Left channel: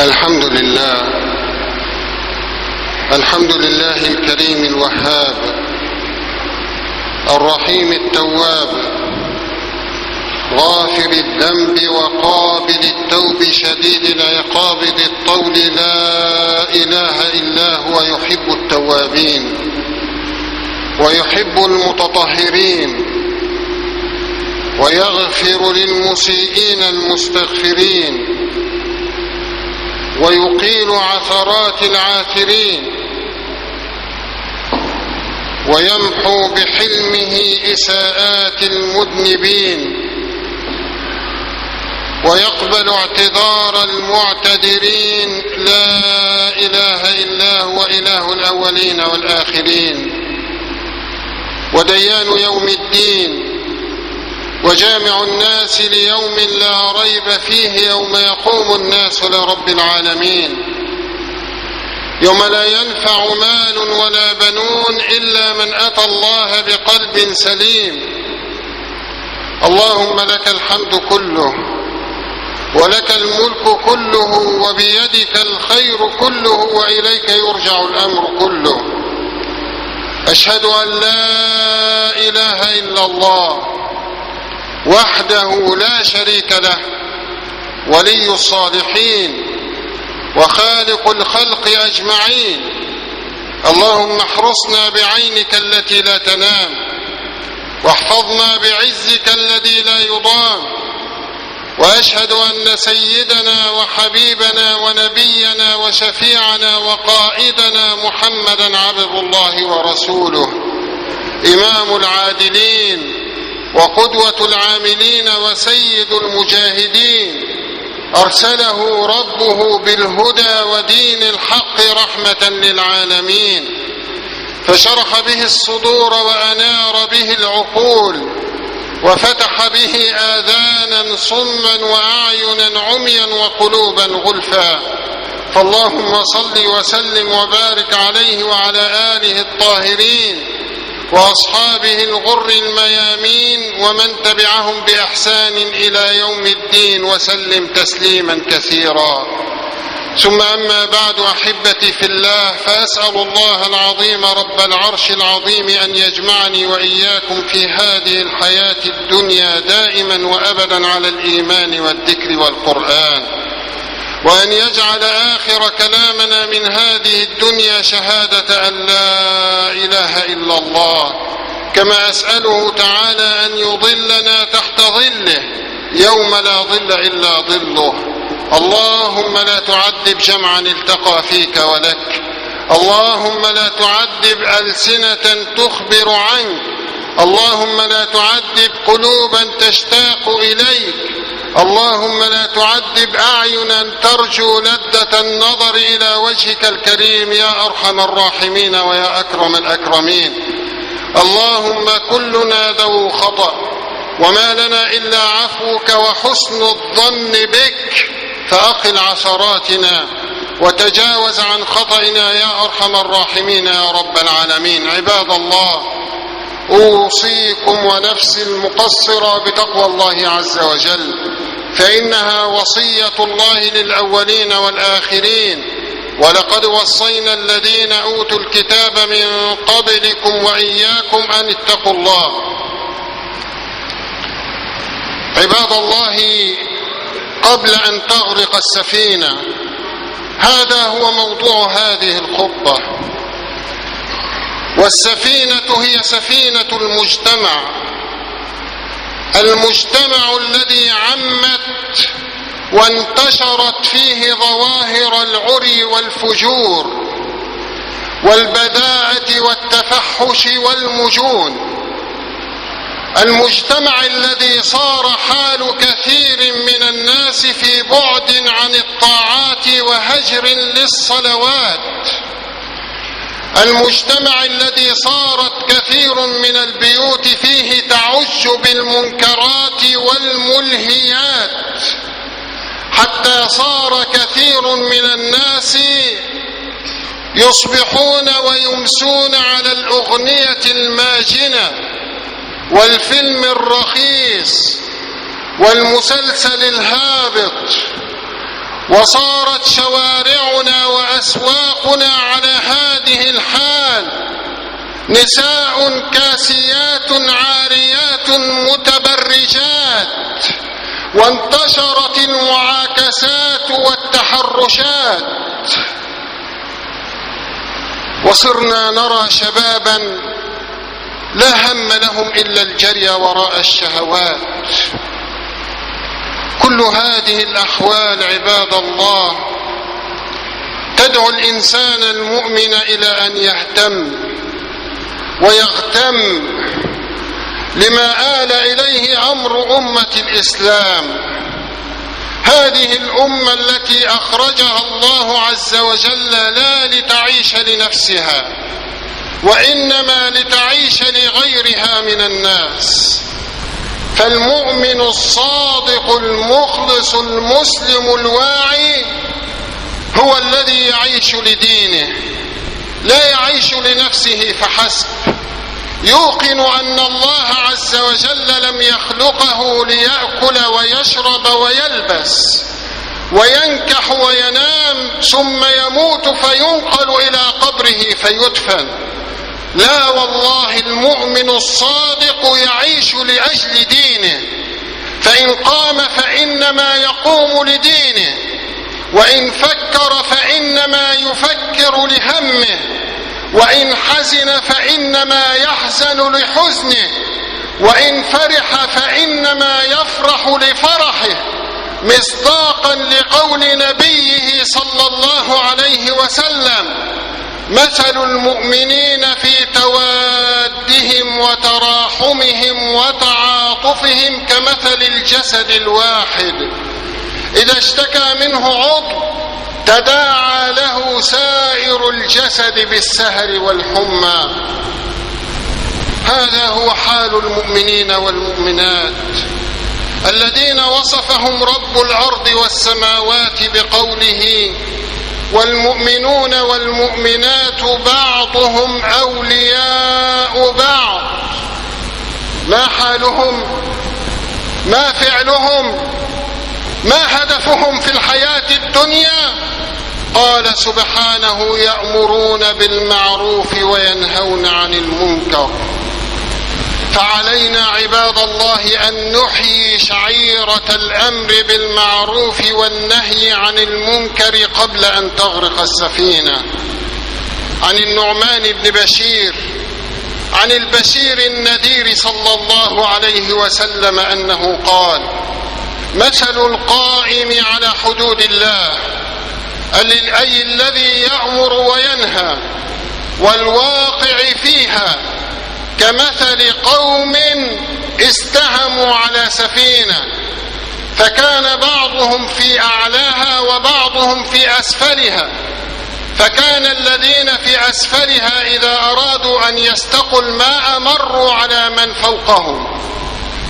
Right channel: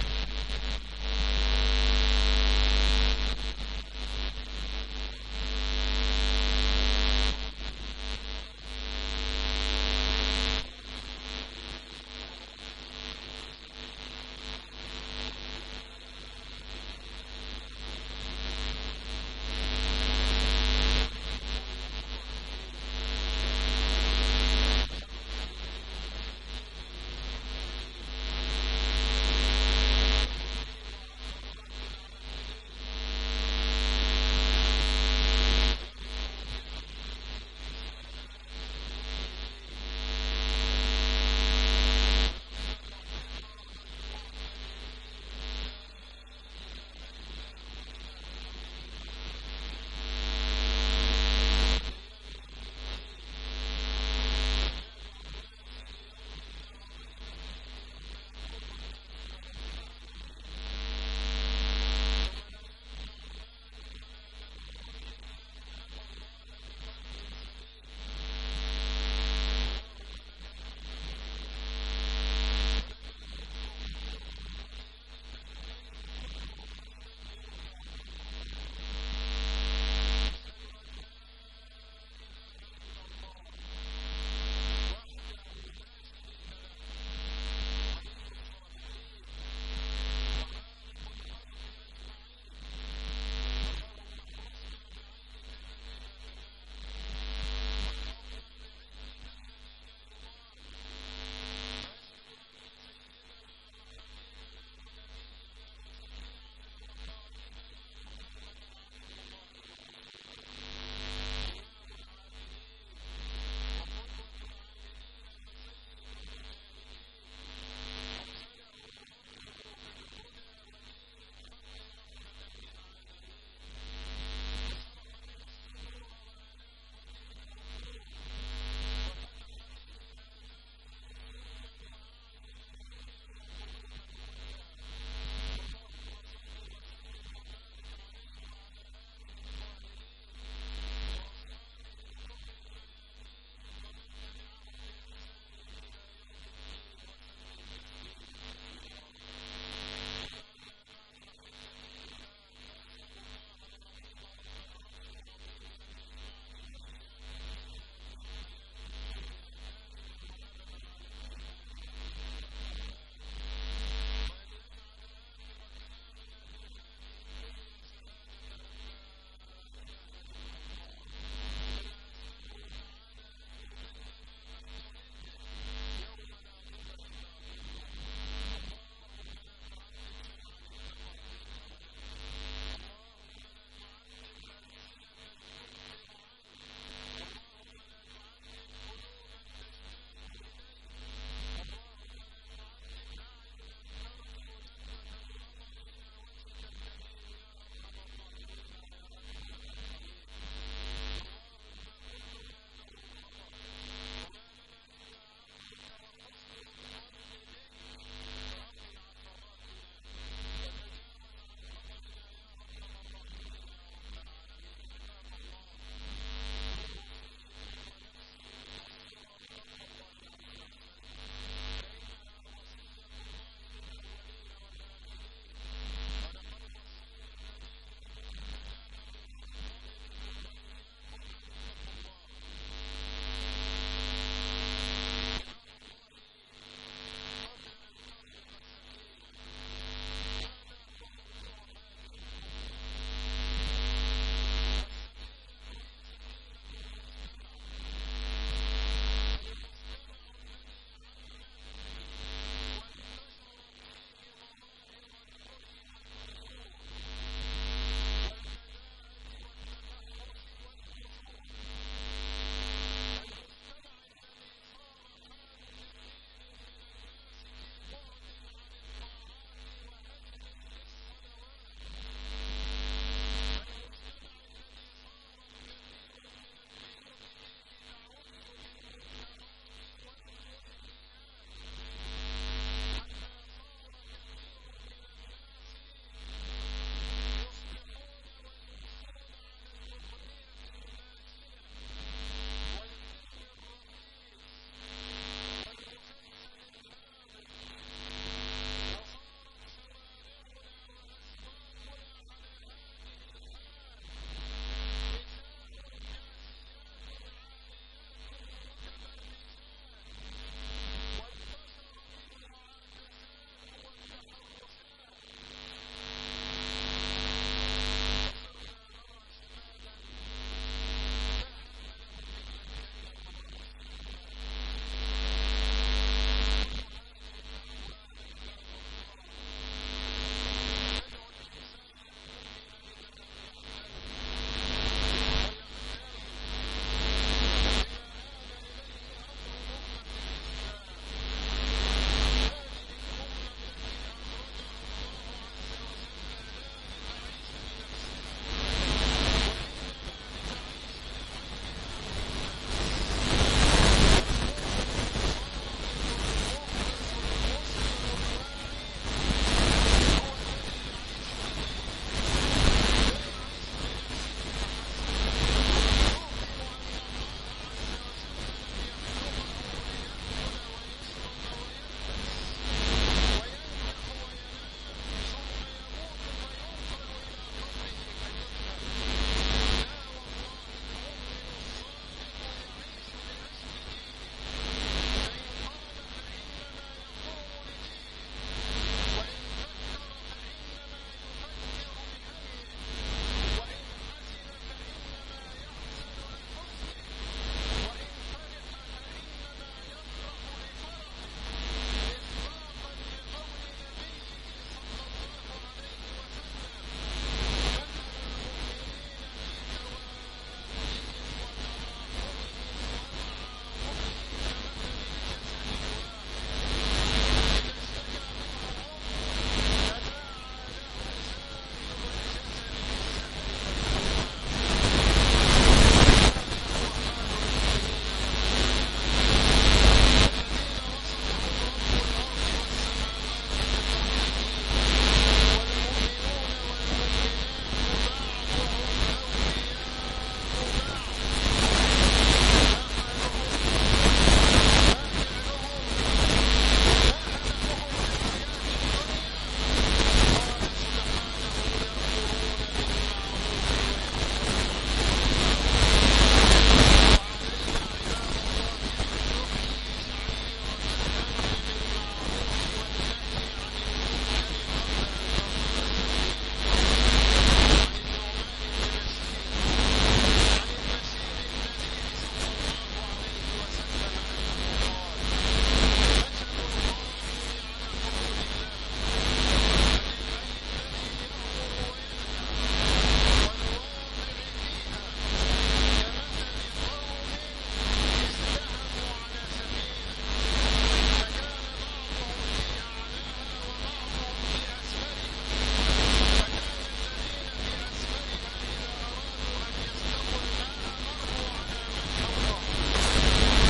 الحمد لله الكريم الوهاب الرحيم التواب غافر الذنب وقابل التوب شديد العقاب ذي الطول لا إله إلا هو يحب التوابين ويحب المتطهرين ويغفر للمسيئين المستغفرين ويقيل عثرات العاثرين ويمحو بحلمه إساءات المذنبين ويقبل اعتذار المعتذرين لا إله إلا هو إله الأولين والآخرين وديان يوم الدين وجامع الناس ليوم لا ريب فيه يوم يقوم الناس لرب العالمين يوم لا ينفع مال ولا بنون إلا من أتى الله بقلب سليم. اللهم لك الحمد كله ولك الملك كله وبيدك الخير كله وإليك يرجع الأمر كله. أشهد أن لا إله إلا الله وحده لا شريك له ولي الصالحين وخالق الخلق أجمعين. اللهم احرسنا بعينك التي لا تنام واحفظنا بعزك الذي لا يضام. وأشهد أن سيدنا وحبيبنا ونبينا وشفيعنا وقائدنا محمدا عبد الله ورسوله إمام العادلين وقدوة العاملين وسيد المجاهدين أرسله ربه بالهدى ودين الحق رحمة للعالمين فشرح به الصدور وأنار به العقول وفتح به آذانا صما وأعينا عميا وقلوبا غلفا. فاللهم صل وسلم وبارك عليه وعلى آله الطاهرين وأصحابه الغر الميامين ومن تبعهم بإحسان إلى يوم الدين وسلم تسليما كثيرا. ثم أما بعد أحبتي في الله، فأسأل الله العظيم رب العرش العظيم أن يجمعني وإياكم في هذه الحياة الدنيا دائما وأبدا على الإيمان والذكر والقرآن، وأن يجعل آخر كلامنا من هذه الدنيا شهادة أن لا إله إلا الله. كما أسأله تعالى أن يظلنا تحت ظله يوم لا ظل إلا ظله. اللهم لا تعذب جمعا التقى فيك ولك، اللهم لا تعذب ألسنة تخبر عنك، اللهم لا تعذب قلوبا تشتاق إليك، اللهم لا تعذب أعينا ترجو لذة النظر إلى وجهك الكريم يا أرحم الراحمين ويا أكرم الأكرمين. اللهم كلنا ذو خطأ وما لنا إلا عفوك وحسن الظن بك، فأقل عثراتنا وتجاوز عن خطئنا يا أرحم الراحمين يا رب العالمين. عباد الله، أوصيكم ونفسي المقصرة بتقوى الله عز وجل، فإنها وصية الله للأولين والآخرين. ولقد وصينا الذين أوتوا الكتاب من قبلكم وإياكم أن اتقوا الله. عباد الله، قبل أن تغرق السفينة، هذا هو موضوع هذه الخطبة. والسفينة هي سفينة المجتمع الذي عمت وانتشرت فيه ظواهر العري والفجور والبذاءة والتفحش والمجون. المجتمع الذي صار حال كثير من الناس في بعد عن الطاعات وهجر للصلوات. المجتمع الذي صارت كثير من البيوت فيه تعج بالمنكرات والملهيات، حتى صار كثير من الناس يصبحون ويمسون على الأغنية الماجنة والفيلم الرخيص والمسلسل الهابط وصارت شوارعنا وأسواقنا على هذه الحال، نساء كاسيات عاريات متبرجات، وانتشرت المعاكسات والتحرشات، وصرنا نرى شبابا لا هم لهم إلا الجري وراء الشهوات. كل هذه الأحوال عباد الله تدعو الإنسان المؤمن إلى أن يهتم ويغتم لما آل إليه أمر أمة الإسلام، هذه الأمة التي أخرجها الله عز وجل لا لتعيش لنفسها، وإنما لتعيش لغيرها من الناس. فالمؤمن الصادق المخلص المسلم الواعي هو الذي يعيش لدينه، لا يعيش لنفسه فحسب، يوقن أن الله عز وجل لم يخلقه ليأكل ويشرب ويلبس وينكح وينام ثم يموت فينقل إلى قبره فيدفن. لا والله، المؤمن الصادق يعيش لأجل دينه، فإن قام فإنما يقوم لدينه، وإن فكر فإنما يفكر لهمه، وإن حزن فإنما يحزن لحزنه، وإن فرح فإنما يفرح لفرحه، مصداقا لقول نبيه صلى الله عليه وسلم: مثل المؤمنين في توادهم وتراحمهم وتعاطفهم كمثل الجسد الواحد، إذا اشتكى منه عضو تداعى له سائر الجسد بالسهر والحمى. هذا هو حال المؤمنين والمؤمنات الذين وصفهم رب الأرض والسماوات بقوله: والمؤمنون والمؤمنات بعضهم أولياء بعض. ما حالهم؟ ما فعلهم؟ ما هدفهم في الحياة الدنيا؟ قال سبحانه: يأمرون بالمعروف وينهون عن المنكر. فعلينا عباد الله أن نحيي شعيرة الأمر بالمعروف والنهي عن المنكر قبل أن تغرق السفينة. عن النعمان بن بشير عن البشير النذير صلى الله عليه وسلم أنه قال: مثل القائم على حدود الله، أي الذي يأمر وينهى، والواقع فيها، كمثل قوم استهموا على سفينة، فكان بعضهم في أعلاها وبعضهم في أسفلها، فكان الذين في أسفلها إذا أرادوا أن يستقوا الماء مروا على من فوقهم،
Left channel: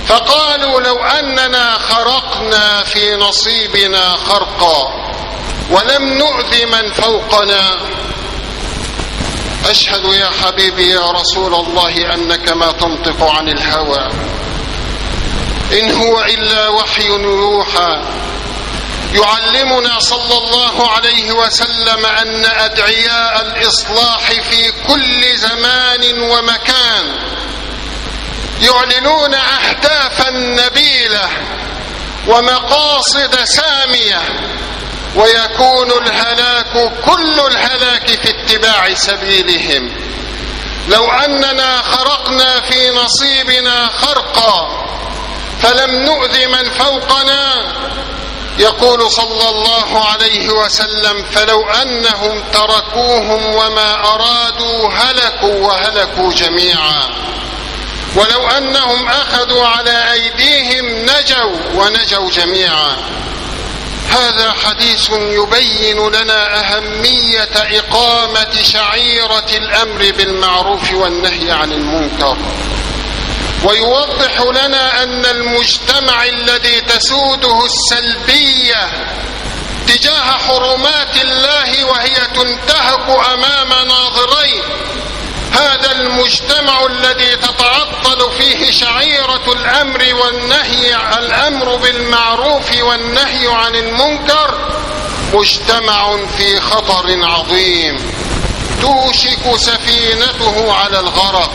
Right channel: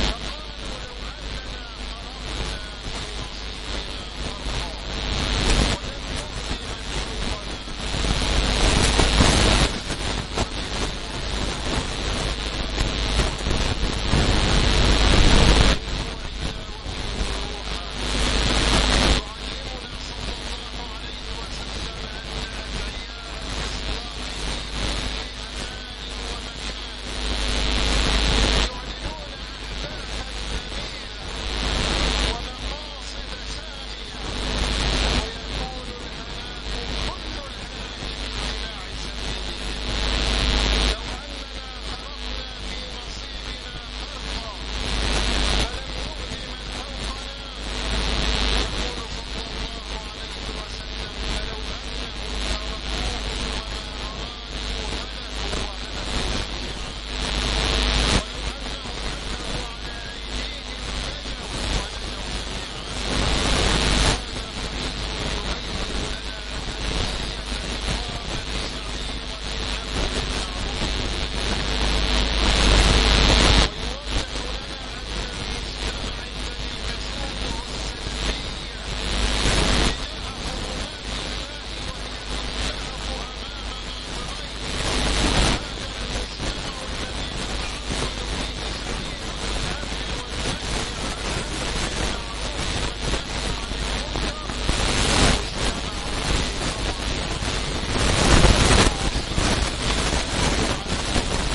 فقالوا: لو أننا خرقنا في نصيبنا خرقا ولم نؤذ من فوقنا. أشهد يا حبيبي يا رسول الله أنك ما تنطق عن الهوى، إن هو إلا وحي يوحى. يعلمنا صلى الله عليه وسلم أن أدعياء الإصلاح في كل زمان ومكان يعلنون أهدافا نبيلة ومقاصد سامية، ويكون الهلاك كل الهلاك في اتباع سبيلهم. لو أننا خرقنا في نصيبنا خرقا فلم نؤذ من فوقنا، يقول صلى الله عليه وسلم: فلو أنهم تركوهم وما أرادوا هلكوا وهلكوا جميعا، ولو أنهم أخذوا على أيديهم نجوا ونجوا جميعا. هذا حديث يبين لنا أهمية إقامة شعيرة الأمر بالمعروف والنهي عن المنكر، ويوضح لنا أن المجتمع الذي تسوده السلبية تجاه حرمات الله وهي تنتهك أمام ناظرين، هذا المجتمع الذي تتعطل فيه شعيرة الأمر والنهي، الأمر بالمعروف والنهي عن المنكر، مجتمع في خطر عظيم توشك سفينته على الغرق،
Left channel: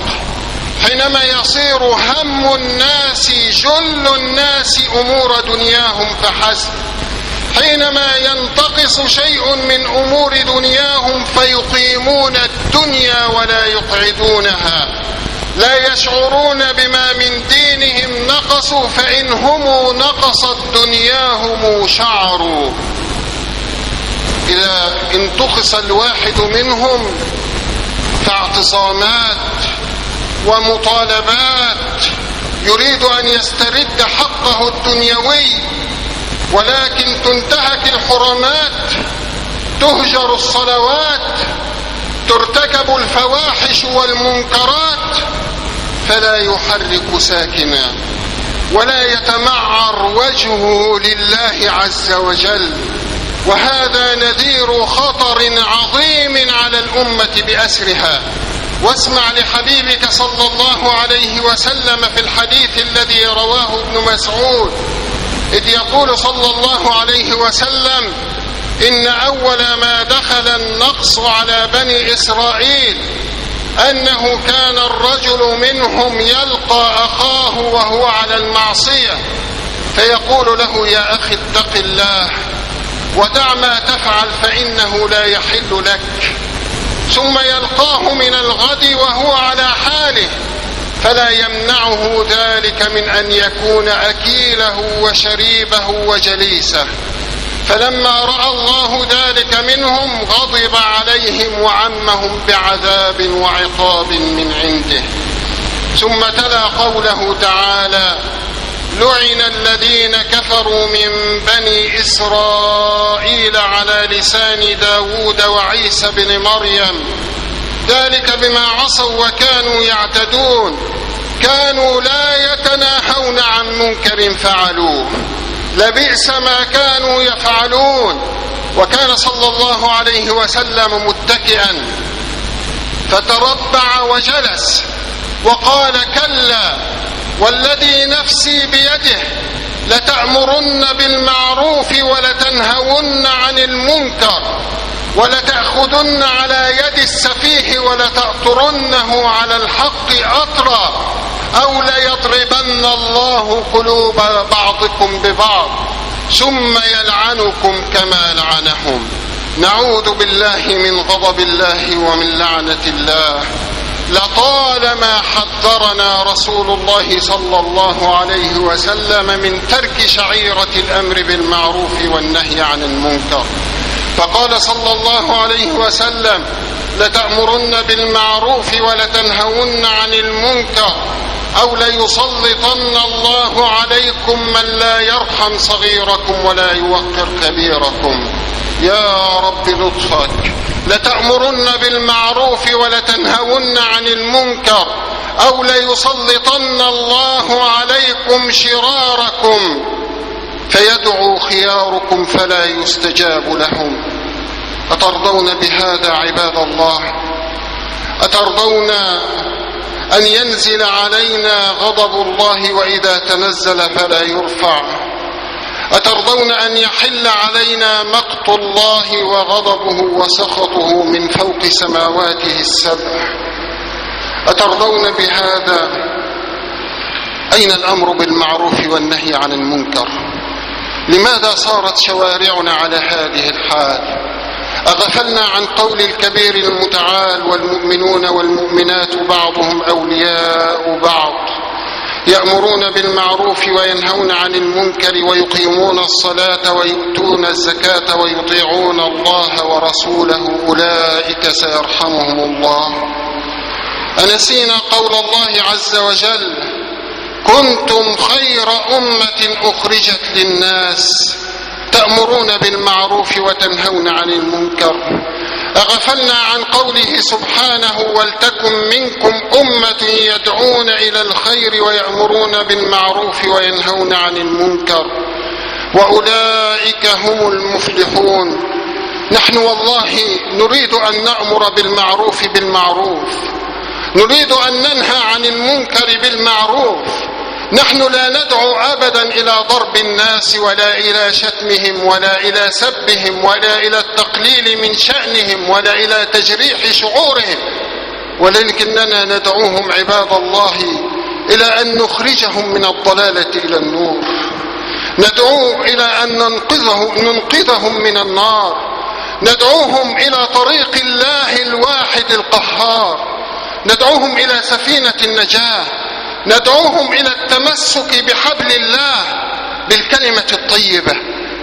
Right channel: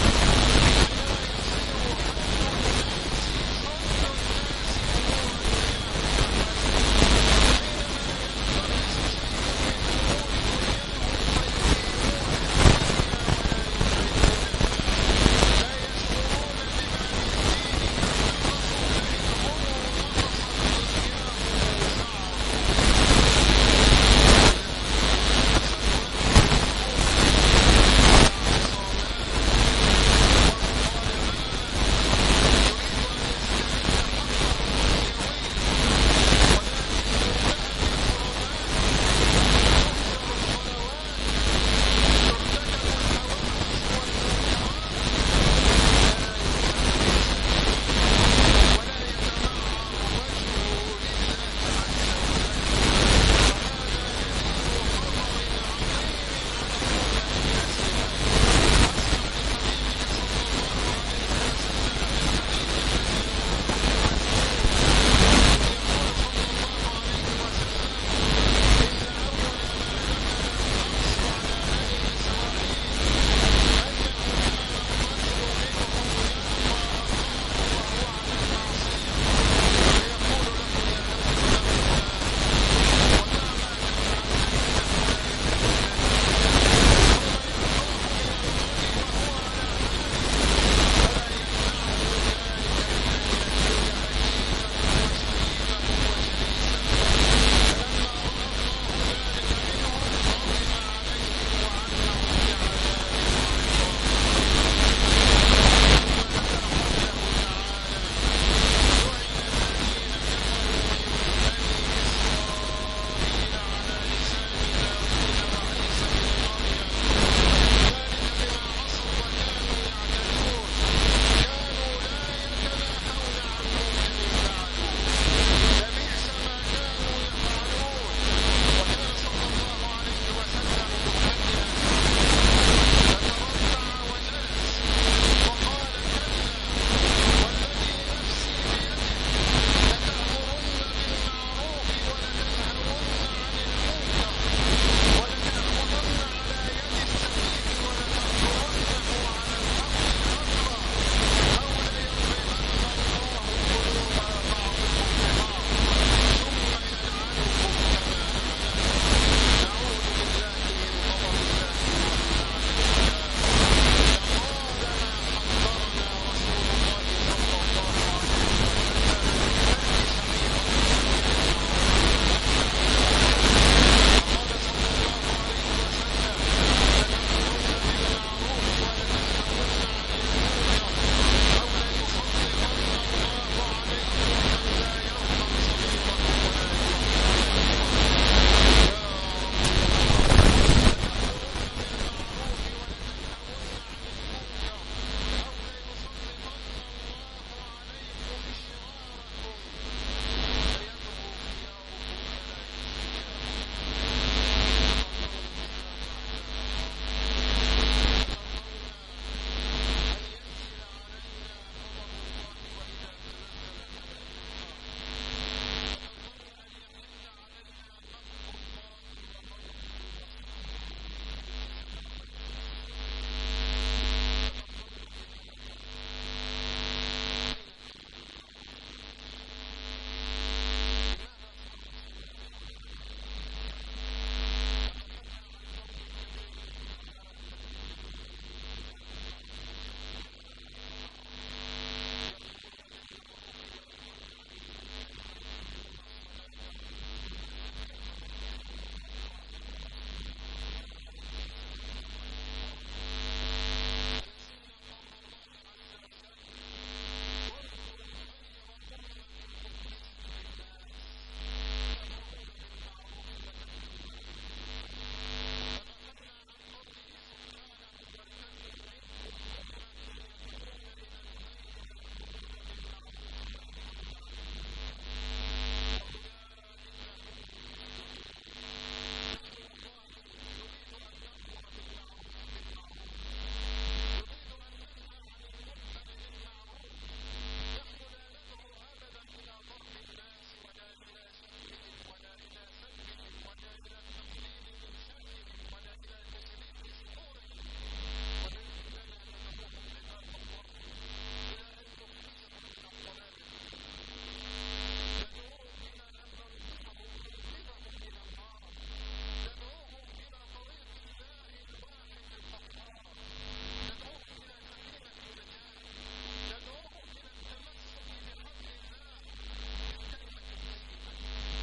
حينما يصير هم الناس جل الناس أمور دنياهم فحسب، حينما ينتقص شيء من أمور دنياهم فيقيمون الدنيا ولا يقعدونها، لا يشعرون بما من دينهم نقصوا، فإن هم نقصت دنياهم شعروا. إذا انتقص الواحد منهم فاعتصامات ومطالبات، يريد أن يسترد حقه الدنيوي، ولكن تنتهك الحرمات، تهجر الصلوات، ترتكب الفواحش والمنكرات، فلا يحرك ساكنا ولا يتمعر وجهه لله عز وجل. وهذا نذير خطر عظيم على الأمة بأسرها. واسمع لحبيبك صلى الله عليه وسلم في الحديث الذي رواه ابن مسعود، إذ يقول صلى الله عليه وسلم: إن أول ما دخل النقص على بني إسرائيل أنه كان الرجل منهم يلقى أخاه وهو على المعصية فيقول له: يا أخي اتق الله ودع ما تفعل فإنه لا يحل لك، ثم يلقاه من الغد وهو على حاله فلا يمنعه ذلك من أن يكون أكيله وشريبه وجليسه، فلما رأى الله ذلك منهم غضب عليهم وعمهم بعذاب وعقاب من عنده. ثم تلا قوله تعالى: لعن الذين كفروا من بني إسرائيل على لسان داود وعيسى بن مريم، ذلك بما عصوا وكانوا يعتدون، كانوا لا يتناهون عن منكر فعلوه، لبئس ما كانوا يفعلون. وكان صلى الله عليه وسلم متكئا فتربع وجلس وقال: كلا والذي نفسي بيده لتأمرن بالمعروف ولتنهون عن المنكر ولتأخذن على يد السفيه ولتأطرنه على الحق أطرا أو ليضربن الله قلوب بعضكم ببعض ثم يلعنكم كما لعنهم. نعوذ بالله من غضب الله ومن لعنة الله. لطالما حذرنا رسول الله صلى الله عليه وسلم من ترك شعيرة الأمر بالمعروف والنهي عن المنكر، فقال صلى الله عليه وسلم: لتأمرن بالمعروف ولتنهون عن المنكر أو ليسلطن الله عليكم من لا يرحم صغيركم ولا يوقر كبيركم. يا رب لطفك. لتأمرن بالمعروف ولتنهون عن المنكر أو ليسلطن الله عليكم شراركم فيدعو خياركم فلا يستجاب لهم. أترضون بهذا عباد الله؟ أترضون أن ينزل علينا غضب الله وإذا تنزل فلا يرفع؟ أترضون أن يحل علينا مقت الله وغضبه وسخطه من فوق سماواته السبع؟ أترضون بهذا؟ أين الأمر بالمعروف والنهي عن المنكر؟ لماذا صارت شوارعنا على هذه الحال؟ أغفلنا عن قول الكبير المتعال: والمؤمنون والمؤمنات بعضهم أولياء بعض يأمرون بالمعروف وينهون عن المنكر ويقيمون الصلاة ويؤتون الزكاة ويطيعون الله ورسوله أولئك سيرحمهم الله. أنسينا قول الله عز وجل: كنتم خير أمة أخرجت للناس تأمرون بالمعروف وتنهون عن المنكر. أغفلنا عن قوله سبحانه: ولتكن منكم أمة يدعون إلى الخير ويأمرون بالمعروف وينهون عن المنكر وأولئك هم المفلحون. نحن والله نريد أن نأمر بالمعروف بالمعروف، نريد أن ننهى عن المنكر بالمعروف، نحن لا ندعو أبدا إلى ضرب الناس ولا إلى شتمهم ولا إلى سبهم ولا إلى التقليل من شأنهم ولا إلى تجريح شعورهم، ولكننا ندعوهم عباد الله إلى أن نخرجهم من الضلالة إلى النور، ندعوهم إلى أن ننقذهم من النار، ندعوهم إلى طريق الله الواحد القهار، ندعوهم إلى سفينة النجاة، ندعوهم إلى التمسك بحبل الله، بالكلمة الطيبة،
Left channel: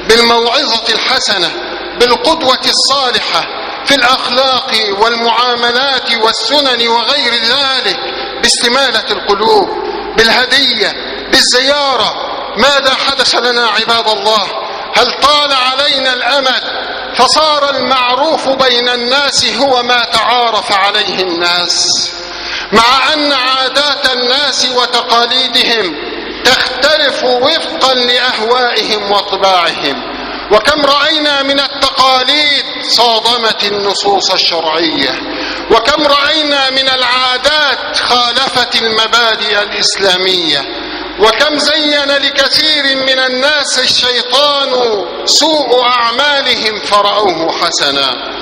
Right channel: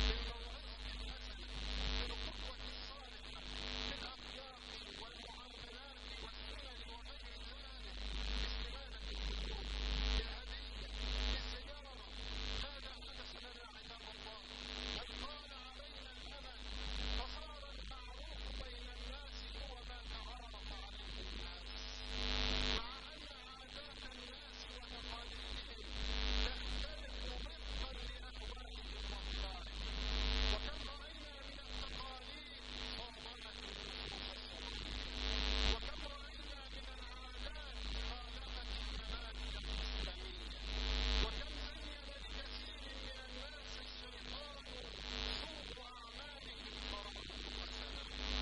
بالموعظة الحسنة، بالقدوة الصالحة في الأخلاق والمعاملات والسنن وغير ذلك، باستمالة القلوب، بالهدية، بالزيارة. ماذا حدث لنا عباد الله؟ هل طال علينا الأمد فصار المعروف بين الناس هو ما تعارف عليه الناس، مع أن عادات الناس وتقاليدهم تختلف وفقا لأهوائهم وطباعهم؟ وكم رأينا من التقاليد صادمت النصوص الشرعية، وكم رأينا من العادات خالفت المبادئ الإسلامية، وكم زين لكثير من الناس الشيطان سوء أعمالهم فرأوه حسنا.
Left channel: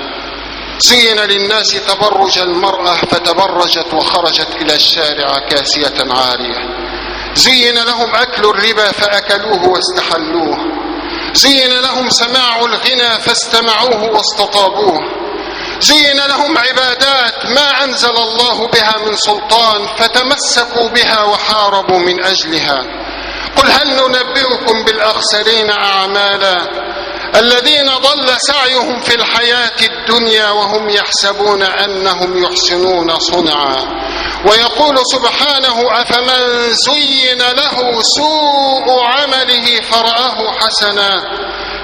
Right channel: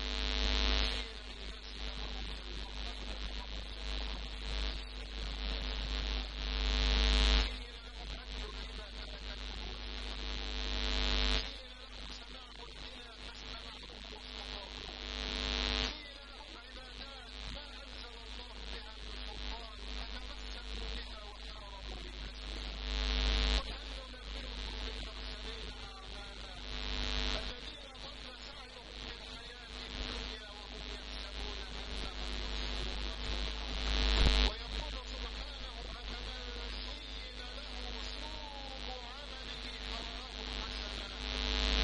زين للناس تبرج المرأة فتبرجت وخرجت إلى الشارع كاسية عارية، زين لهم أكل الربا فأكلوه واستحلوه، زين لهم سماع الغنى فاستمعوه واستطابوه، زين لهم عبادات ما أنزل الله بها من سلطان فتمسكوا بها وحاربوا من أجلها. قل هل ننبئكم بالأخسرين أعمالا الذين ضل سعيهم في الحياة الدنيا وهم يحسبون أنهم يحسنون صنعا. ويقول سبحانه أفمن زين له سوء عمله فرآه حسنا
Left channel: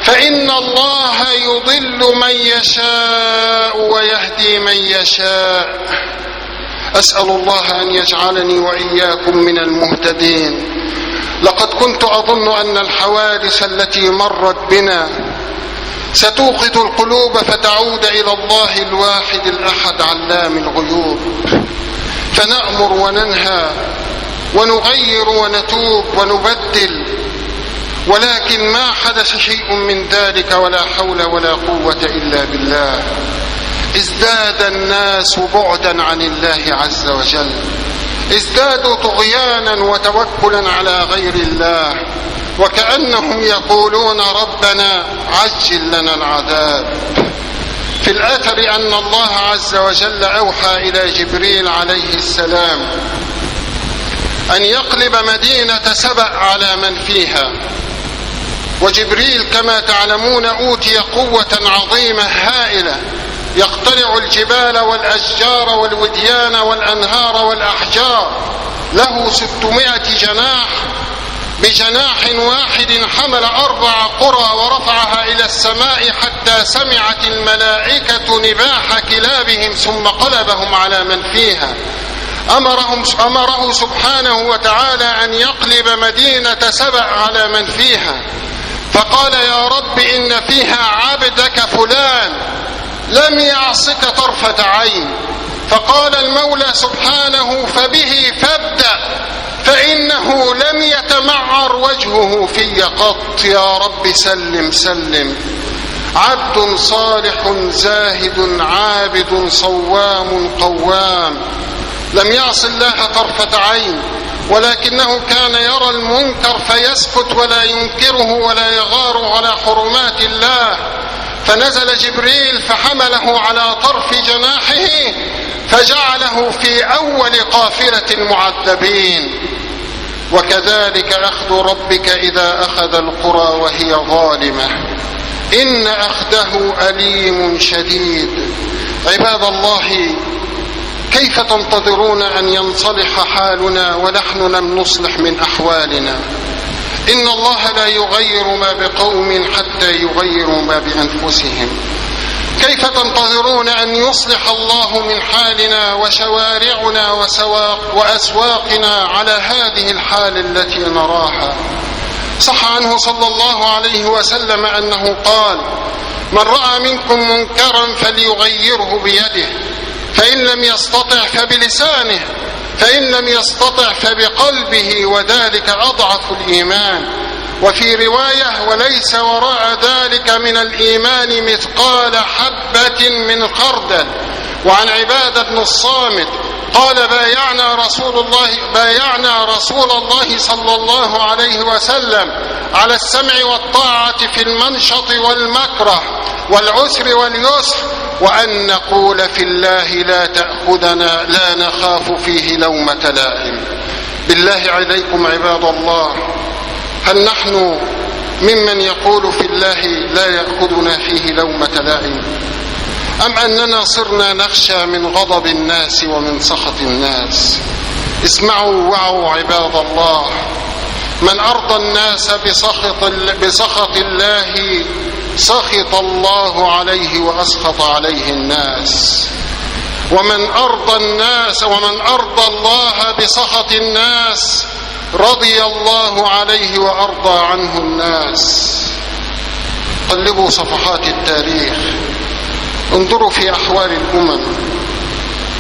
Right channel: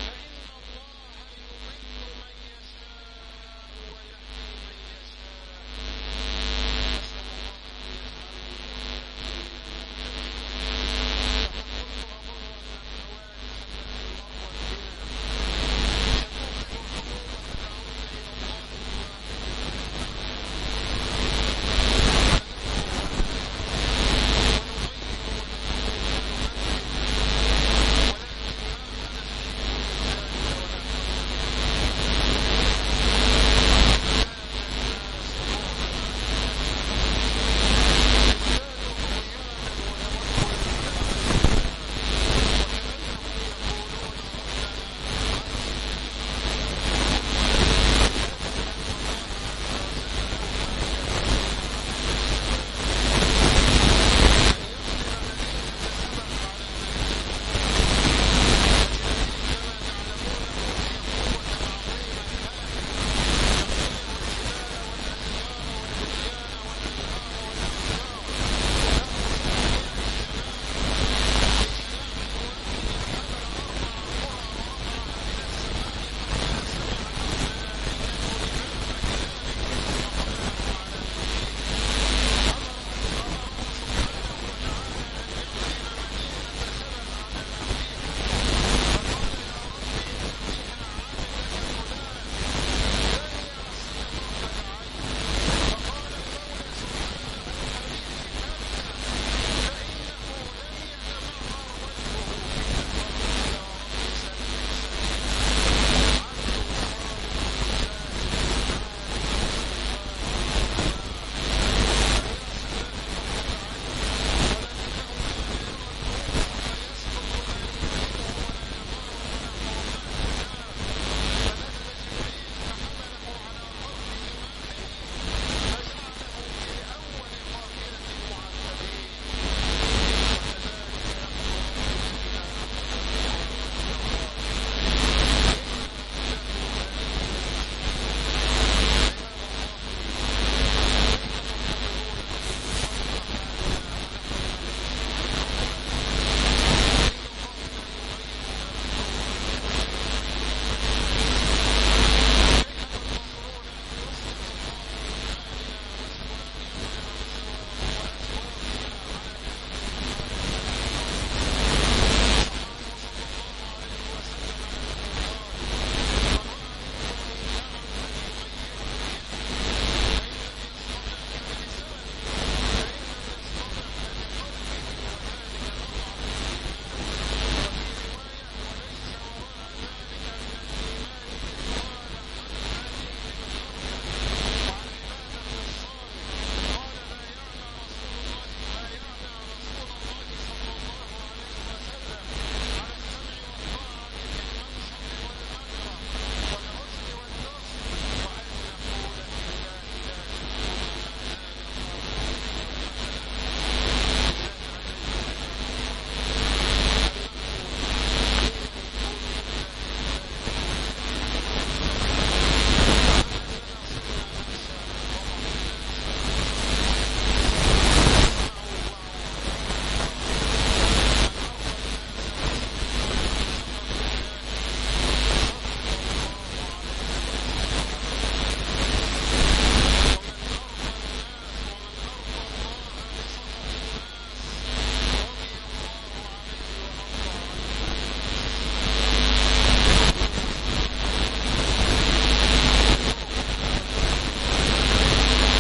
فإن الله يضل من يشاء ويهدي من يشاء. أسأل الله أن يجعلني وإياكم من المهتدين. لقد كنت أظن أن الحوادث التي مرت بنا ستوقظ القلوب فتعود إلى الله الواحد الأحد علام الغيوب، فنأمر وننهى ونغير ونتوب ونبدل، ولكن ما حدث شيء من ذلك ولا حول ولا قوة إلا بالله. ازداد الناس بعدا عن الله عز وجل، ازدادوا طغيانا وتوكلا على غير الله، وكأنهم يقولون ربنا عجل لنا العذاب. في الأثر أن الله عز وجل أوحى إلى جبريل عليه السلام أن يقلب مدينة سبأ على من فيها، وجبريل كما تعلمون أوتي قوة عظيمة هائلة، يقتلع الجبال والأشجار والوديان والأنهار والأحجار، له 600 جناح، بجناح واحد حمل 4 قرى ورفعها إلى السماء حتى سمعت الملائكة نباح كلابهم ثم قلبهم على من فيها. أمره سبحانه وتعالى أن يقلب مدينة سبأ على من فيها، فقال يا رب إن فيها عبدك فلان لم يعصك طرفة عين. فقال المولى سبحانه فبه فابدأ فإنه لم يتمعر وجهه في قط. يا رب سلم سلم. عبد صالح زاهد عابد صوام قوام لم يعص الله طرفة عين، ولكنه كان يرى المنكر فيسكت ولا ينكره ولا يغار على حرمات الله، فنزل جبريل فحمله على طرف جناحه فجعله في أول قافلة المعذبين. وكذلك أخذ ربك إذا أخذ القرى وهي ظالمة إن أخذه أليم شديد. عباد الله، كيف تنتظرون أن ينصلح حالنا ونحن لم نصلح من أحوالنا؟ إن الله لا يغير ما بقوم حتى يغيروا ما بأنفسهم. كيف تنتظرون أن يصلح الله من حالنا وشوارعنا وأسواقنا على هذه الحال التي نراها؟ صح عنه صلى الله عليه وسلم أنه قال من رأى منكم منكرا فليغيره بيده، فإن لم يستطع فبلسانه، فإن لم يستطع فبقلبه، وذلك أضعف الإيمان. وفي رواية: وليس وراء ذلك من الإيمان مثقال حبة من خردل. وعن عبادة بن الصامت قال: بايعنا رسول الله صلى الله عليه وسلم على السمع والطاعة في المنشط والمكره والعسر واليسر، وأن نقول في الله لا تأخذنا، لا نخاف فيه لومة لائم. بالله عليكم عباد الله، هل نحن ممن يقول في الله لا يأخذنا فيه لومة لائم، أم أننا صرنا نخشى من غضب الناس ومن سخط الناس؟ اسمعوا وعوا عباد الله، من أرضى الناس بسخط الله سخط الله عليه وأسخط عليه الناس، ومن أرضى الله بسخط الناس رضي الله عليه وأرضى عنه الناس. قلبوا صفحات التاريخ، انظروا في أحوال الأمم،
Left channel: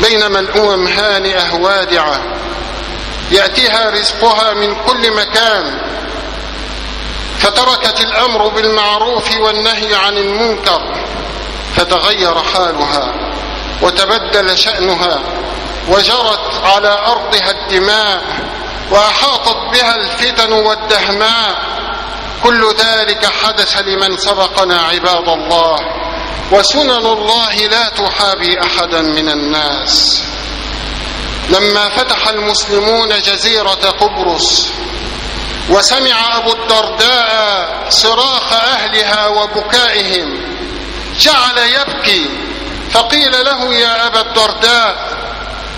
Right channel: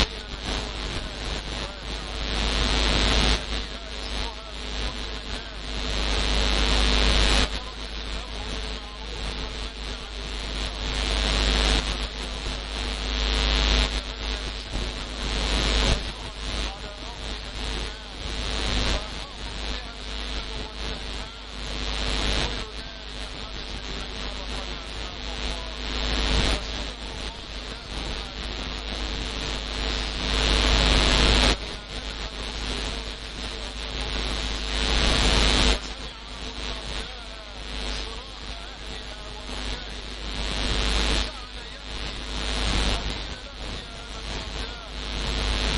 بينما الأمم هانئة وادعة يأتيها رزقها من كل مكان، فتركت الأمر بالمعروف والنهي عن المنكر، فتغير حالها وتبدل شأنها، وجرت على أرضها الدماء، وأحاطت بها الفتن والدهماء. كل ذلك حدث لمن سبقنا عباد الله، وسنن الله لا تحابي أحدا من الناس. لما فتح المسلمون جزيرة قبرص وسمع أبو الدرداء صراخ أهلها وبكائهم جعل يبكي، فقيل له: يا أبا الدرداء،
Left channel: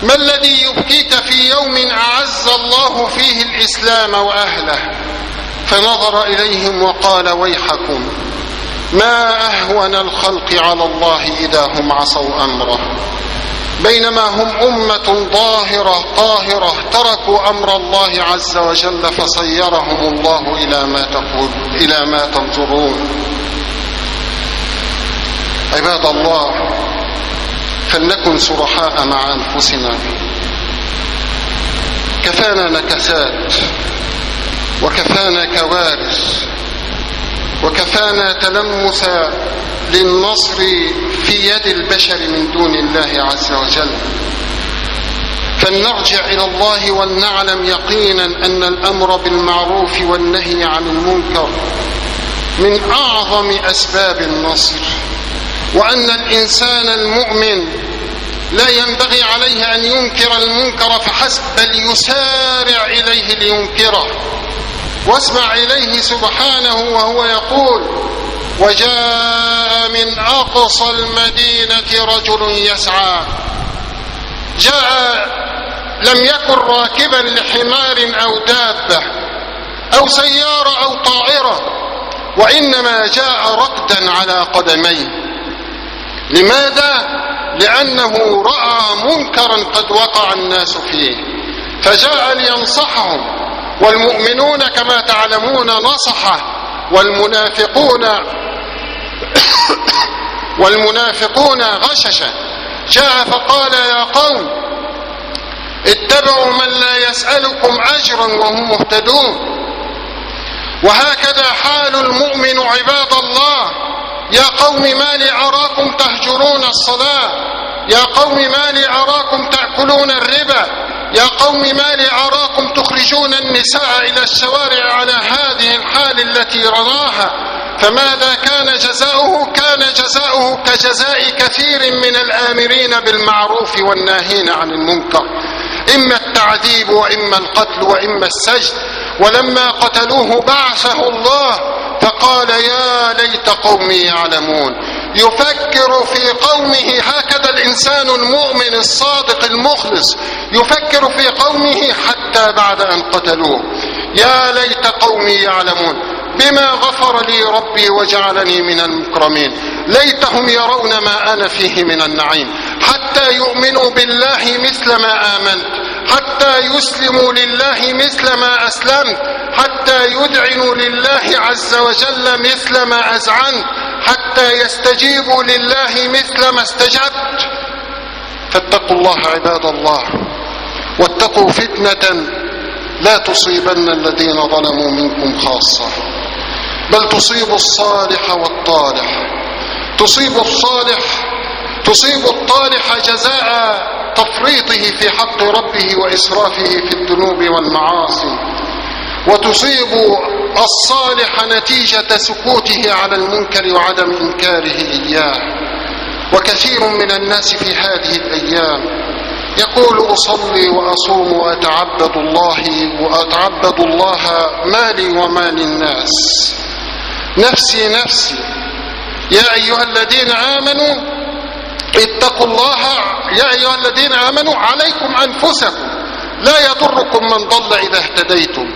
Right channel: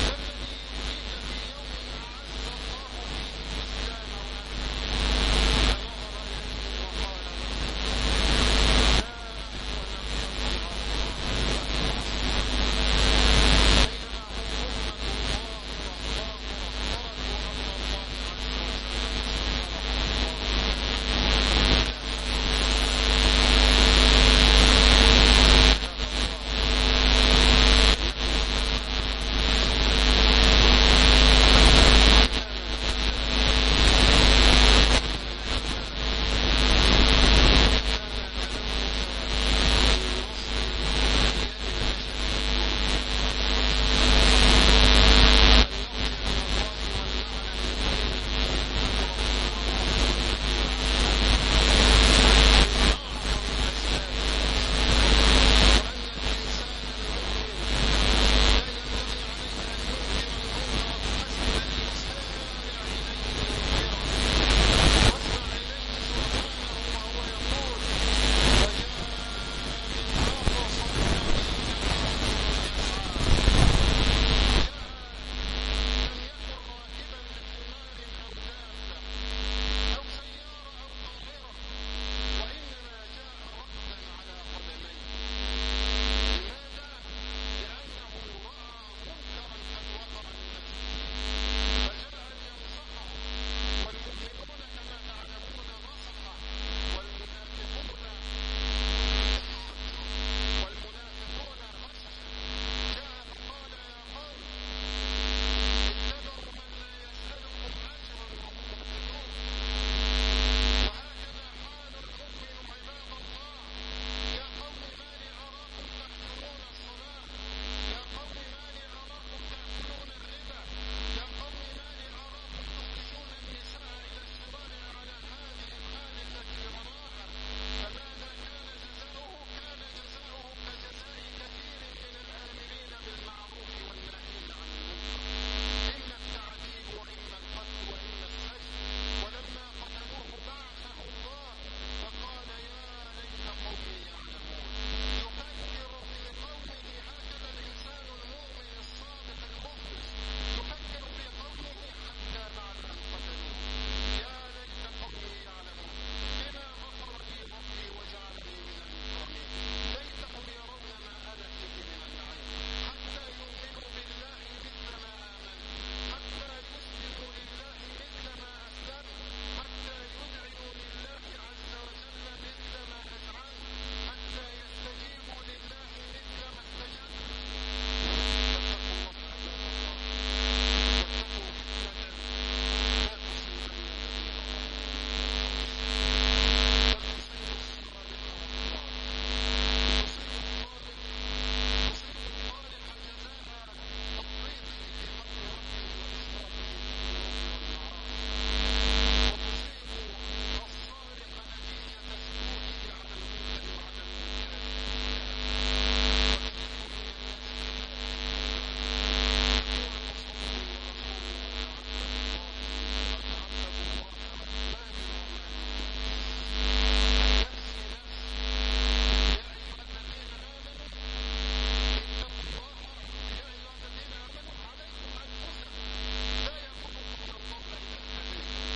ما الذي يبكيك في يوم أعز الله فيه الإسلام وأهله؟ فنظر إليهم وقال: ويحكم، ما أهون الخلق على الله إذا هم عصوا أمره، بينما هم أمة طاهرة تركوا أمر الله عز وجل فصيرهم الله إلى ما تنظرون. عباد الله، فلنكن صرحاء مع أنفسنا. كفانا نكسات، وكفانا كوارث، وكفانا تلمس للنصر في يد البشر من دون الله عز وجل. فلنرجع إلى الله ولنعلم يقينا أن الأمر بالمعروف والنهي عن المنكر من أعظم أسباب النصر، وأن الإنسان المؤمن لا ينبغي عليه أن ينكر المنكر فحسب، بل يسارع إليه لينكره. واسمع إليه سبحانه وهو يقول: وجاء من أقصى المدينة رجل يسعى. جاء لم يكن راكبا لحمار أو دابة أو سيارة أو طائرة، وإنما جاء ركدا على قدميه. لماذا؟ لأنه رأى منكرا قد وقع الناس فيه فجاء لينصحهم. والمؤمنون كما تعلمون نصحه، والمنافقون غششه. جاء فقال: يا قوم اتبعوا من لا يسألكم أجرا وهم مهتدون. وهكذا حال المؤمن عباد الله. يا قوم ما لي أراكم تهجرون الصلاة، يا قوم ما لي أراكم تأكلون الربا، يا قوم ما لي أراكم تخرجون النساء إلى الشوارع على هذه الحال التي رضاها. فماذا كان جزاؤه؟ كان جزاؤه كجزاء كثير من الآمرين بالمعروف والناهين عن المنكر، إما التعذيب وإما القتل وإما السجن. ولما قتلوه بعثه الله فقال: يا ليت قومي يعلمون. يفكر في قومه، هكذا الإنسان المؤمن الصادق المخلص يفكر في قومه حتى بعد أن قتلوه. يا ليت قومي يعلمون بما غفر لي ربي وجعلني من المكرمين. ليتهم يرون ما أنا فيه من النعيم، حتى يؤمنوا بالله مثل ما آمنت، حتى يسلموا لله مثل ما أسلمت، حتى يذعنوا لله عز وجل مثل ما أذعنت، حتى يستجيبوا لله مثل ما استجبت. فاتقوا الله عباد الله، واتقوا فتنة لا تصيبن الذين ظلموا منكم خاصة بل تصيب الصالح والطالح. تصيب الطالح جزاء تفريطه في حق ربه وإسرافه في الذنوب والمعاصي، وتصيب الصالح نتيجة سكوته على المنكر وعدم إنكاره إياه. وكثير من الناس في هذه الأيام يقول أصلي وأصوم وأتعبد الله مالي ومال الناس، نفسي نفسي. يا أيها الذين آمنوا اتقوا الله، يا أيها الذين آمنوا عليكم أنفسكم لا يضركم من ضل إذا اهتديتم.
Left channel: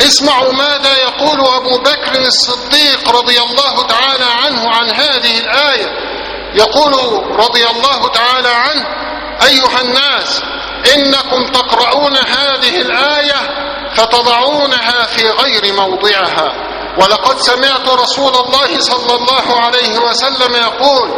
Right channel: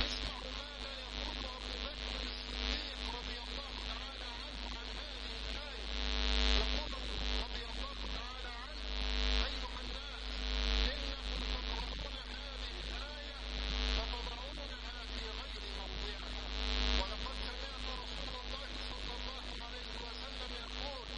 اسمعوا ماذا يقول أبو بكر الصديق رضي الله تعالى عنه عن هذه الآية. يقول رضي الله تعالى عنه: أيها الناس، إنكم تقرؤون هذه الآية فتضعونها في غير موضعها، ولقد سمعت رسول الله صلى الله عليه وسلم يقول:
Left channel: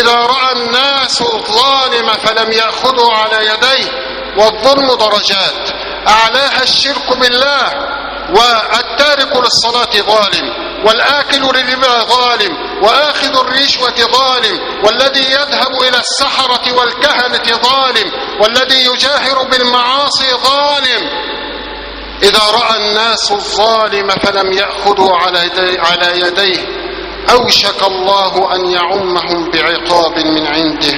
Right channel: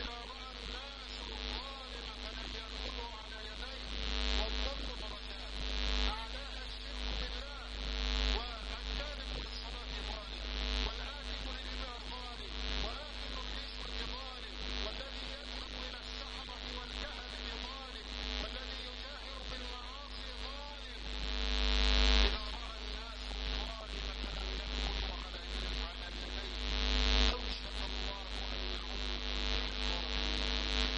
إذا رأى الناس الظالم فلم يأخذوا على يديه، والظلم درجات، أعلاها الشرك بالله، والتارك للصلاة ظالم، والآكل للربا ظالم، وآخذ الرشوة ظالم، والذي يذهب إلى السحرة والكهنة ظالم، والذي يجاهر بالمعاصي ظالم. إذا رأى الناس الظالم فلم يأخذوا على يديه أوشك الله أن يعمهم بعقاب من عنده.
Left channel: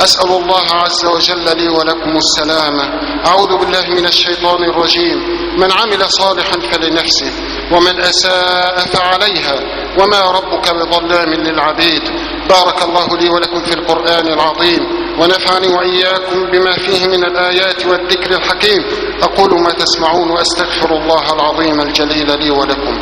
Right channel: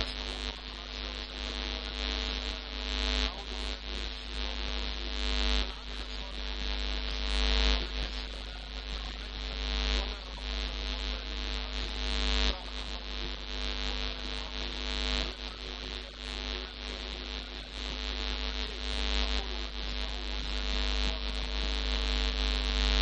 أسأل الله عز وجل لي ولكم السلامة. أعوذ بالله من الشيطان الرجيم. من عمل صالحا فلنفسه ومن أساء فعليها وما ربك بظلام للعبيد. بارك الله لي ولكم في القرآن العظيم، ونفعني وإياكم بما فيه من الآيات والذكر الحكيم. أقول ما تسمعون وأستغفر الله العظيم الجليل لي ولكم.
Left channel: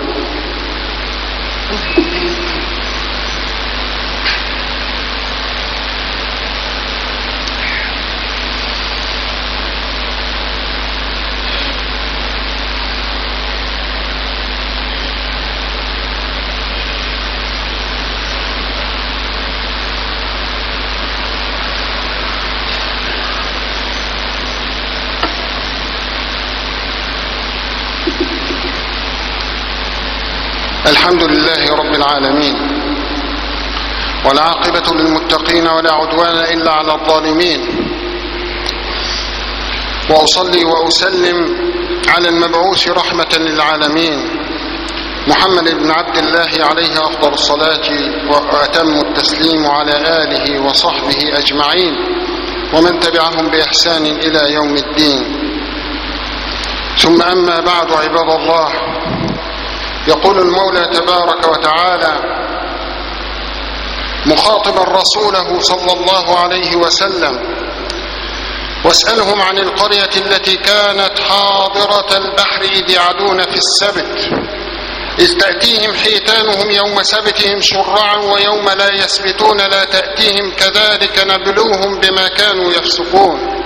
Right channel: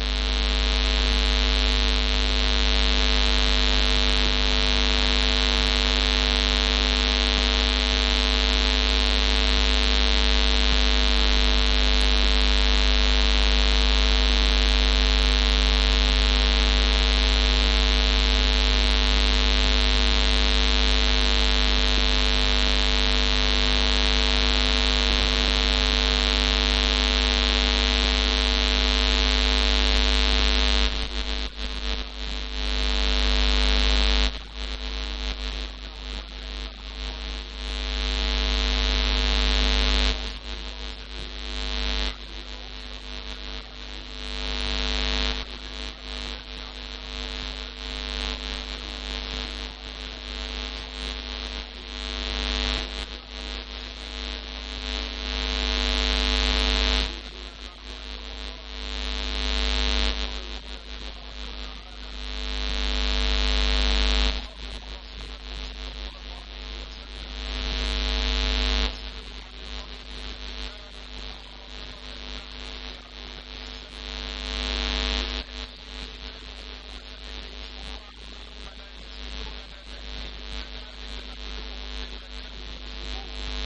الحمد لله رب العالمين، والعاقبة للمتقين ولا عدوان إلا على الظالمين، وأصلي وأسلم على المبعوث رحمة للعالمين محمد بن عبد الله عليه أفضل الصلاة وأتم التسليم، وعلى آله وصحبه أجمعين ومن تبعهم بإحسان إلى يوم الدين. ثم أما بعد، عباد الله، يقول المولى تبارك وتعالى مخاطبا رسوله صلى الله عليه وسلم: واسألهم عن القرية التي كانت حاضرة البحر إذ يعدون في السبت إذ تأتيهم حيتانهم يوم سبتهم شرعا ويوم لا يسبتون لا تأتيهم كذلك نبلوهم بما كانوا يفسقون.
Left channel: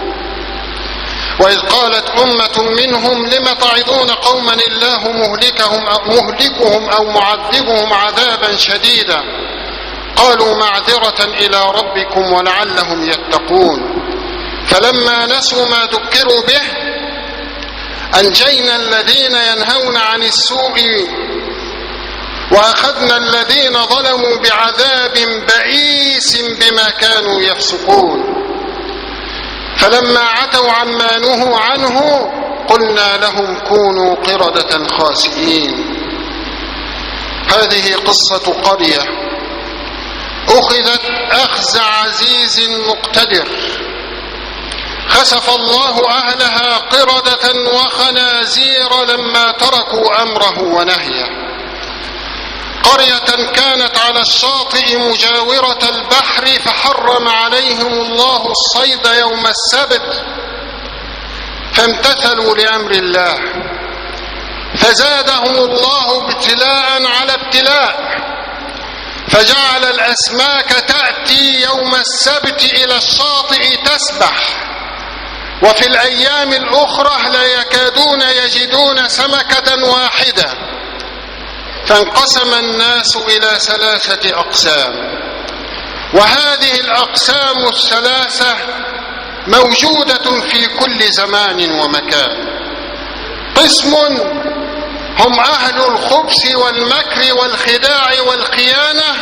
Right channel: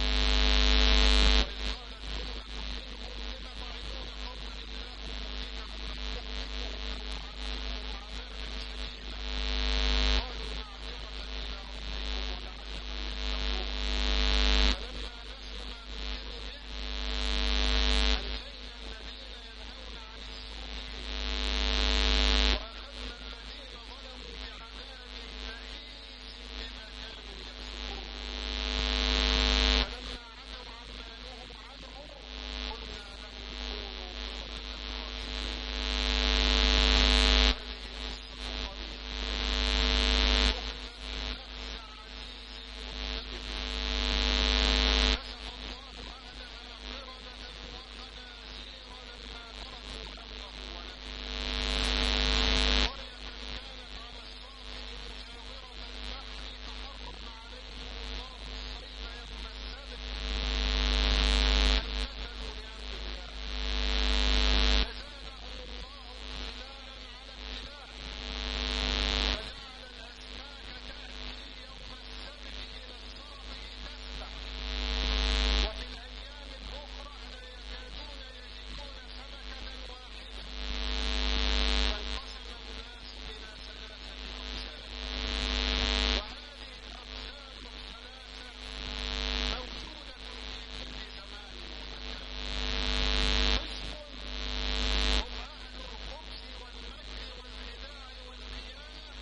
وإذ قالت أمة منهم لم تعظون قوما الله مهلكهم أو معذبهم عذابا شديدا قالوا معذرة إلى ربكم ولعلهم يتقون. فلما نسوا ما ذكروا به أنجينا الذين ينهون عن السوء وأخذنا الذين ظلموا بعذاب بئيس بما كانوا يفسقون. فلما عتوا عما نهوا عنه قلنا لهم كونوا قردة خاسئين. هذه قصة قرية أخذت أخذ عزيز مقتدر، خسف الله أهلها قردة وخنازير لما تركوا أمره ونهيه. قرية كانت على الشاطئ مجاورة البحر فحرم عليهم الله الصيد يوم السبت فامتثلوا لأمر الله فزادهم الله ابتلاء على ابتلاء، فجعل الأسماك تأتي يوم السبت إلى الشاطئ تسبح، وفي الأيام الأخرى لا يكادون يجدون سمكة واحدة. فانقسم الناس إلى 3 أقسام، وهذه الأقسام الثلاثة موجودة في كل زمان ومكان. قسم هم أهل الخبث والمكر والخداع والخيانة،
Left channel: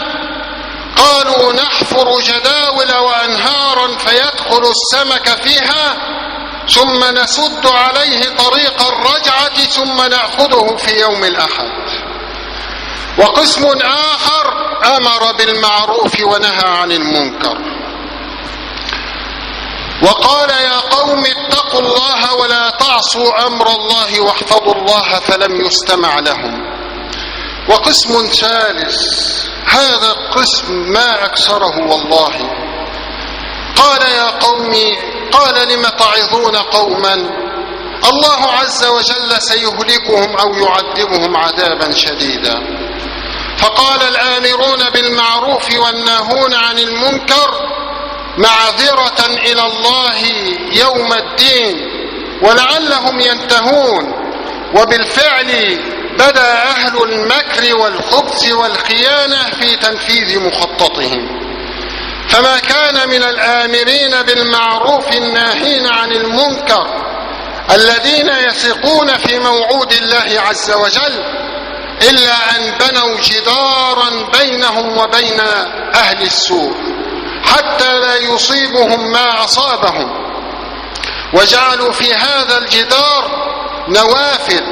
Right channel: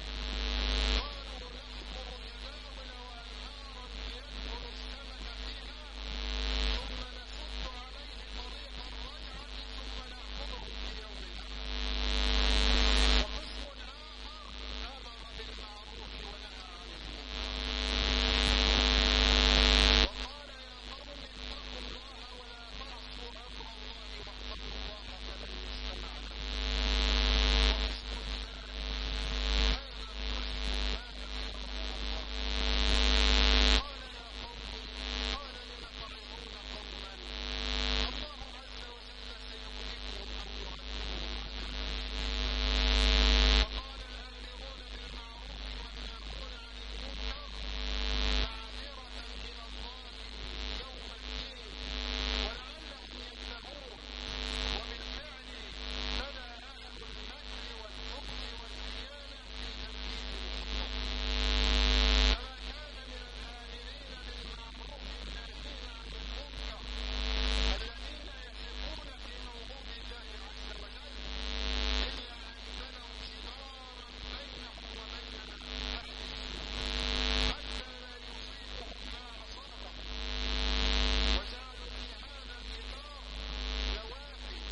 قالوا نحفر جداول وأنهارا فيدخل السمك فيها ثم نسد عليه طريق الرجعة ثم نأخذه في يوم الأحد. وقسم آخر أمر بالمعروف ونهى عن المنكر وقال يا قوم اتقوا الله ولا تعصوا أمر الله واحفظوا الله فلم يستمع لهم. وقسم ثالث، هذا القسم ما أكثره والله، قال يا قوم، قال لم تعظون قوما الله عز وجل سيهلكهم أو يعذبهم عذابا شديدا. فقال الآمرون بالمعروف والناهون عن المنكر معذرة إلى الله يوم الدين ولعلهم ينتهون. وبالفعل بدأ أهل المكر والخبث والخيانة في تنفيذ مخططهم، فما كان من الآمرين بالمعروف الناهين عن المنكر الذين يثقون في موعود الله عز وجل إلا أن بنوا جدارا بينهم وبين أهل السوء حتى لا يصيبهم ما أصابهم، وجعلوا في هذا الجدار نوافذ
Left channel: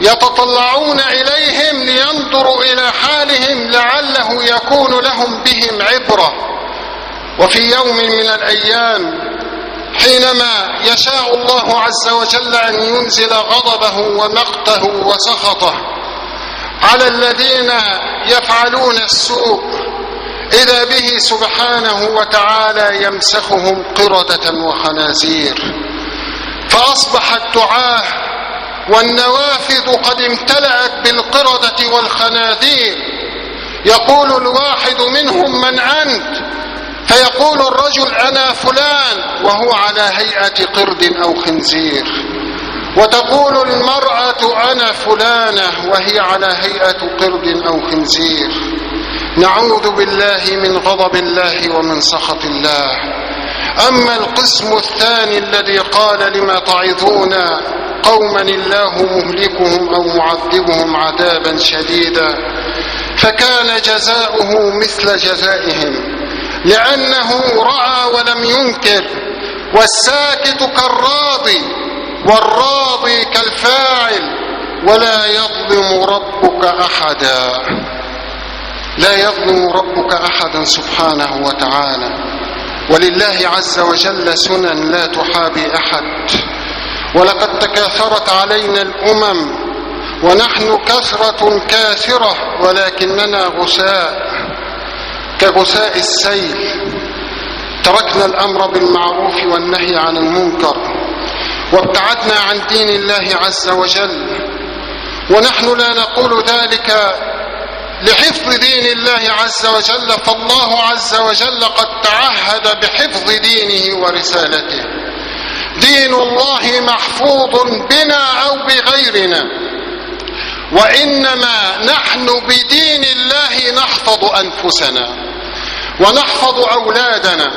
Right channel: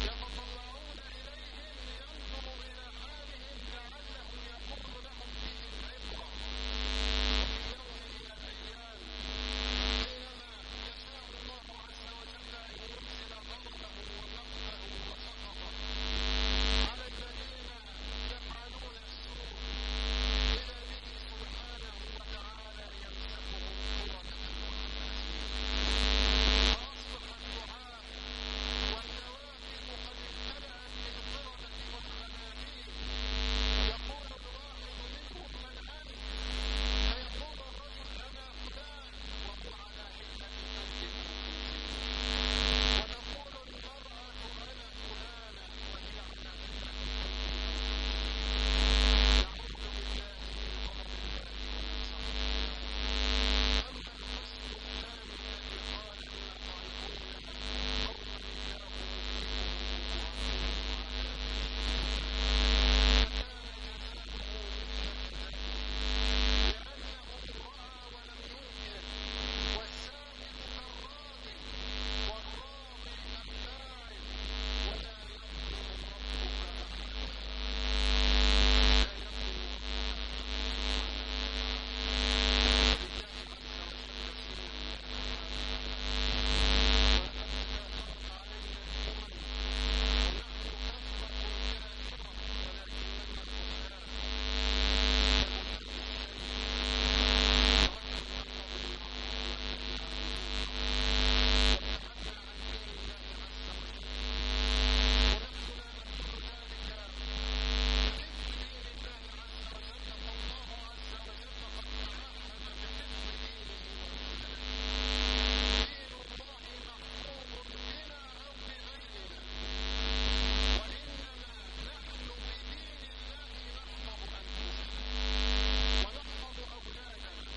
يتطلعون إليهم لينظروا إلى حالهم لعله يكون لهم بهم عبرة. وفي يوم من الأيام حينما يشاء الله عز وجل أن ينزل غضبه ومقته وسخطه على الذين يفعلون السوء إذا به سبحانه وتعالى يمسخهم قردة وخنازير، فأصبح الدعاة والنوافذ قد امتلأت بالقردة والخنازير. يقول الواحد منهم من أنت؟ فيقول الرجل أنا فلان وهو على هيئة قرد أو خنزير، وتقول المرأة أنا فلانة وهي على هيئة قرد أو خنزير. نعوذ بالله من غضب الله ومن سخط الله. أما القسم الثاني الذي قال لما تعظون قوما الله مهلكهم أو معذبهم عذابا شديدا، فكان جزاؤه مثل جزائهم لأنه رأى ولم ينكر، والساكت كالراضي والراضي كالفاعل، ولا يظلم ربك أحدا. لا يظلم ربك أحدا سبحانه وتعالى، ولله عز وجل سنن لا تحابي أحد. ولقد تكاثرت علينا الأمم ونحن كثرة كاثرة ولكننا غثاء كغثاء السيل. تركنا الأمر بالمعروف والنهي عن المنكر وابتعدنا عن دين الله عز وجل، ونحن لا نقول ذلك لحفظ دين الله عز وجل، فالله عز وجل قد تعهد بحفظ دينه ورسالته. دين الله محفوظ بنا أو بغيرنا، وإنما نحن بدين الله نحفظ أنفسنا ونحفظ أولادنا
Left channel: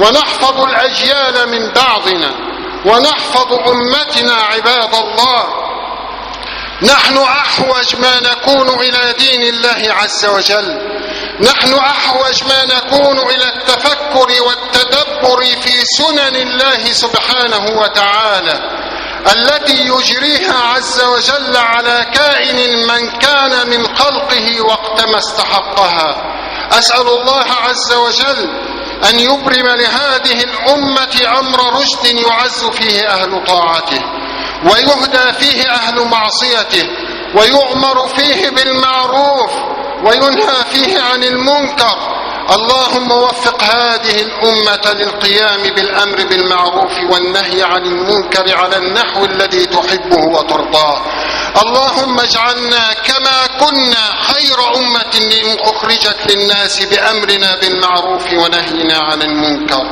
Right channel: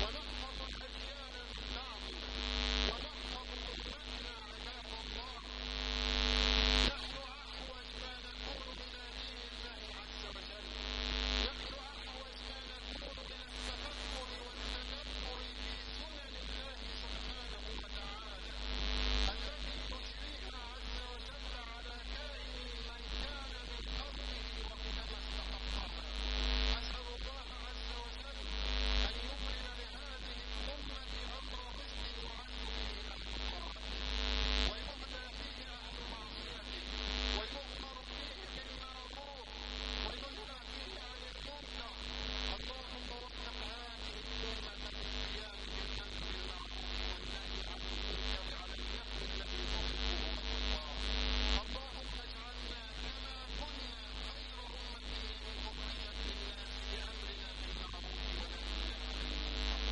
ونحفظ الأجيال من بعضنا ونحفظ أمتنا. عباد الله، نحن أحوج ما نكون إلى دين الله عز وجل، نحن أحوج ما نكون إلى التفكر والتدبر في سنن الله سبحانه وتعالى التي يجريها عز وجل على كائن من كان من خلقه وقتما استحقها. أسأل الله عز وجل أن يبرم لهذه الأمة أمر رشد يعز فيه أهل طاعته ويهدى فيه أهل معصيته ويؤمر فيه بالمعروف وينهى فيه عن المنكر. اللهم وفق هذه الأمة للقيام بالأمر بالمعروف والنهي عن المنكر على النحو الذي تحبه وترضاه. اللهم اجعلنا كما كنا خير أمة أخرجت للناس بأمرنا بالمعروف ونهينا عن المنكر.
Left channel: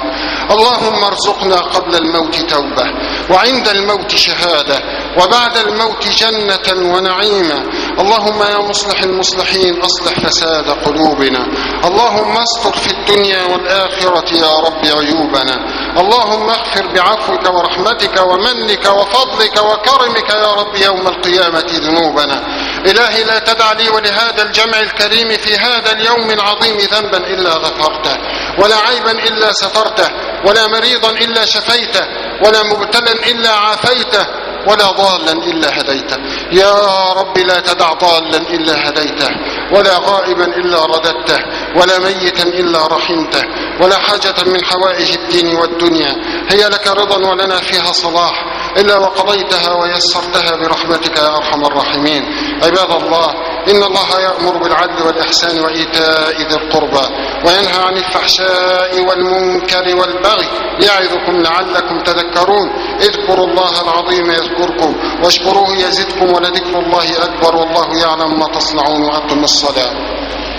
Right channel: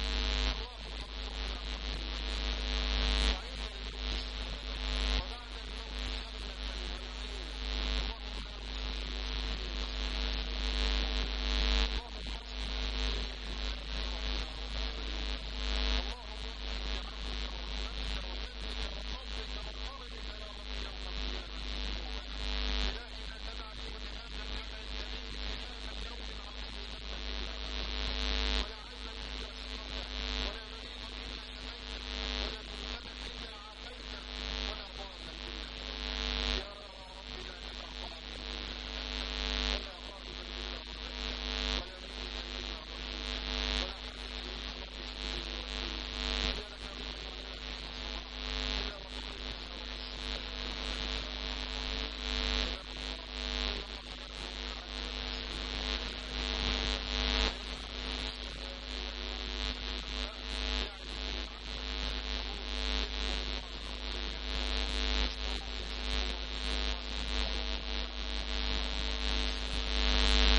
اللهم ارزقنا قبل الموت توبة، وعند الموت شهادة، وبعد الموت جنة ونعيما. اللهم يا مصلح المصلحين أصلح فساد قلوبنا. اللهم استر في الدنيا والآخرة يا رب عيوبنا. اللهم اغفر بعفوك ورحمتك ومنك وفضلك وكرمك يا رب يوم القيامة ذنوبنا. إلهي لا تدع لي ولهذا الجمع الكريم في هذا اليوم العظيم ذنبا إلا غفرته، ولا عيبا إلا سترته، ولا مريضا إلا شفيته، ولا مبتلا إلا عافيته، ولا ضالا إلا هديته. يا رب لا تدع ضالا إلا هديته، ولا غائبا إلا رددته، ولا ميتا إلا رحمته، ولا حاجة من حوائج الدين والدنيا هي لك رضا ولنا فيها صلاح إلا وقضيتها ويسرتها برحمتك يا أرحم الراحمين. عباد الله، إن الله يأمر بالعدل والإحسان وإيتاء ذي القربى، وينهى عن الفحشاء والمنكر والبغي، يعظكم لعلكم تذكرون. اذكروا الله العظيم يذكركم، واشكروه يزدكم، ولذكر الله أكبر، والله يعلم ما تصنعون. وأقم الصلاة.